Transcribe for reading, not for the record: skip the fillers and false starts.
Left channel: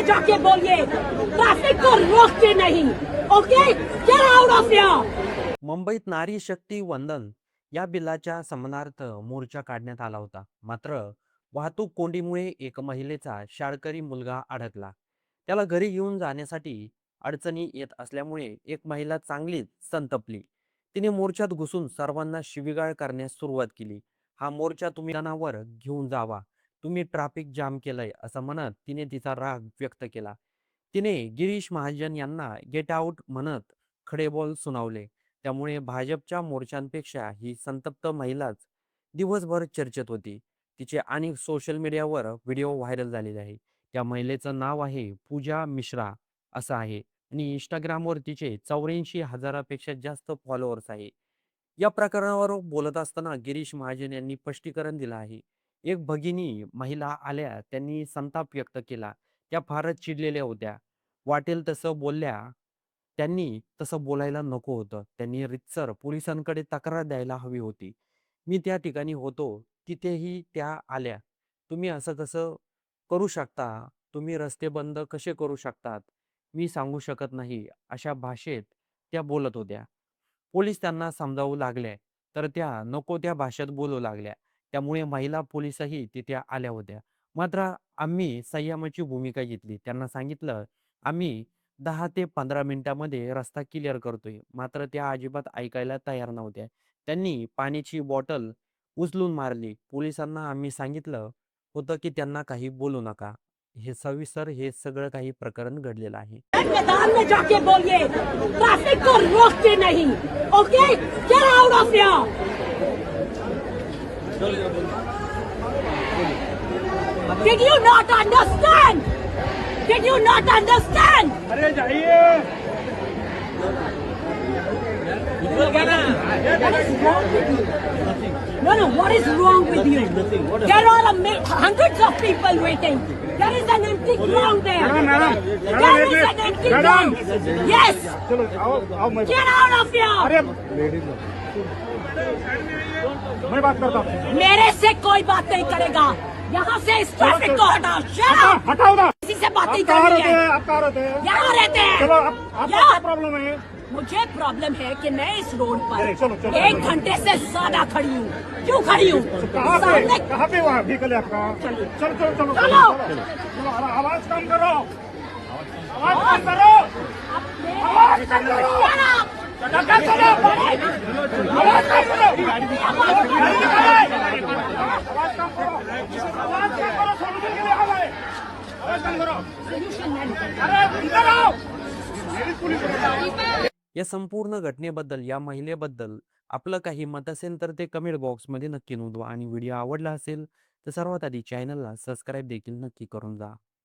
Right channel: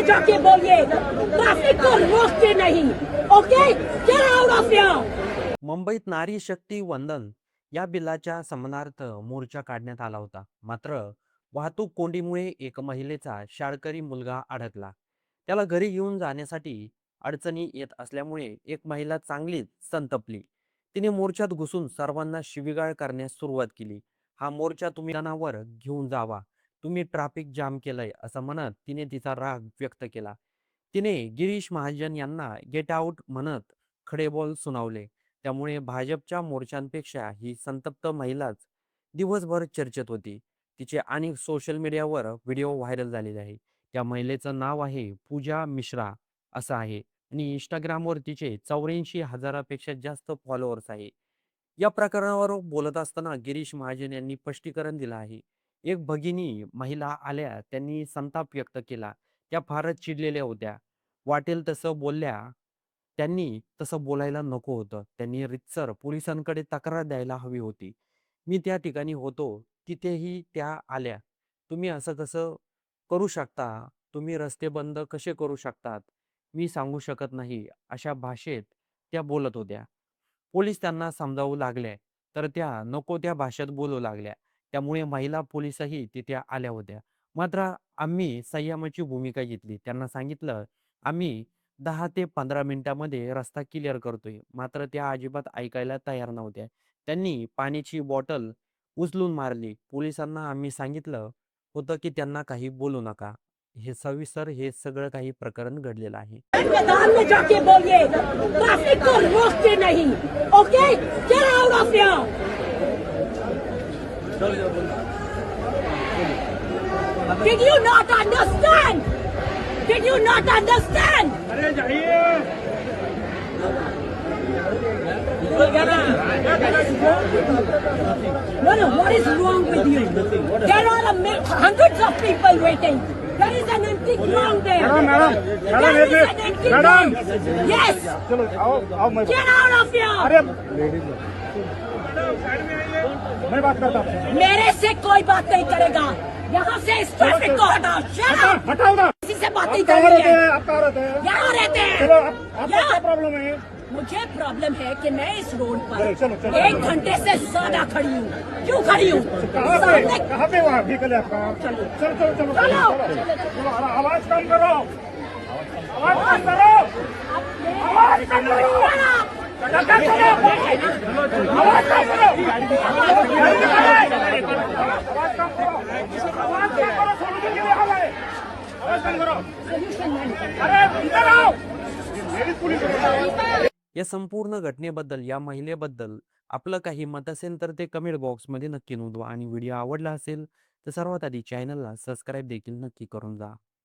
में जाके बोलिए ट्रैफिक को रोकते नहीं। Okay, get out of here. मुंबईत नारी शक्ती वंदन या बिलाच्या समानार्थ मोर्चा काढण्यात आला होता. मात्र वाहतूक कोंडीमुळे एक महिलेचा शाळकरी मुलगा अडकला. त्याला घरी घेऊन जाण्यासाठी अडचणी येत असल्यामुळे एक महिला चांगलीच संतपली. तिने मोर्चात घुसून सर्वांना शिवीगाळ करण्यास सुरुवात केली. हा मोर्चा तुम्ही जनावर घेऊन जावा, तुम्ही ट्रॅफिक जाम केलंय असं म्हणत तिने तिचा राग व्यक्त केला. तिने गिरीश महाजन यांना गेट आउट म्हणत खडे बोल सुनावले. त्यामुळे भाजपच्या मोर्चांपेक्षा ही संतप्त महिलाच दिवसभर चर्चेत होती. तिचे अनेक सोशल मीडियावर व्हिडिओ व्हायरल झालेले आहे. त्या महिलेचं नाव आहे पूजा मिश्रा असं आहे आणि इंस्टाग्रामवर तिचे 84,000पेक्षा जास्त फॉलोअर्स आहे. या प्रकरणावर बोलत असताना गिरीश महाजन यांनी स्पष्टीकरण दिलं आहे. एक भगिनी महिला आल्या, त्यांनी संताप व्यक्त केला. त्या फारच चिडलेल्या होत्या. वाटेल तसं बोलल्या. त्यांनी तसं बोलायला नको होतं. त्यांनी रीतसर पोलिसांकडे तक्रार द्यायला हवी होती. मी त्या ठिकाणी होतो, तिथेही त्या आल्या. तुम्ही असं कसं करू शकता? तुम्ही रस्ते बंद कसे करू शकतात? मी सांगू शकत नाही. अशा भाषेत त्या बोलत होत्या. पोलीस त्यांना समजावू लागले, तर त्या नको त्या भाषेत बोलू लागल्या. त्यामुळे महिला पोलीसही तिथे आल्या होत्या. मात्र आम्ही संयमाची भूमिका घेतली. त्यांना सांगितलं, आम्ही 10 ते 15 मिनिटामध्ये रस्ता क्लिअर करतोय. मात्र त्या अजिबात ऐकायला तयार नव्हत्या. त्यांनी पाण्याची बॉटल उचलून मारली. पोलिसांना आम्ही सांगितलं होतं की त्यांना काही बोलू नका. हे सविस्तर हे सगळं काही प्रकरण घडलेलं आहे. मैदान में जाके बोलिए ट्रैफिक को रोकते नहीं। Okay, get out of here. Did you not understand? Did you not understand? अरे जाइए। No, no, what is wrong with you? There are hundreds of people waiting. There is an empty ground there. There is an empty ground. Yes. Get out of here. मैं बात करता हूँ। मेरे से कोई बात नहीं करेगा। यहाँ से इस ट्रैफिक को हटाओ। Shut up. हटाओ ना। किसी से बात नहीं आप कहाँ करनी रहते है। हैं? आप कहाँ रहते हैं? यहाँ रहते हैं। चलो आपका क्या यहाँ। प्रॉब्लम है? मुझे प्रॉब्लम है कि मैं इस रोड पर चलो, चलो, 1 घंटे से ज्यादा खड़ी हूँ। क्यों खड़ी हूँ? कहाँ पे वहाँ व्हीकल है आपका? चलो। चलो चलो चलो चलो। आवाज कम करो। आवाज कम करो। आवाज कम करो। या संपूर्ण घटनेबद्दल, या महिलेबद्दल आपलं काही मत असेल तर ते कमेंट बॉक्समध्ये नक्की नोंदवा आणि व्हिडिओ आवडला असेल तर सर्वात आधी चॅनलला सबस्क्राईब देखील नक्की करून जा.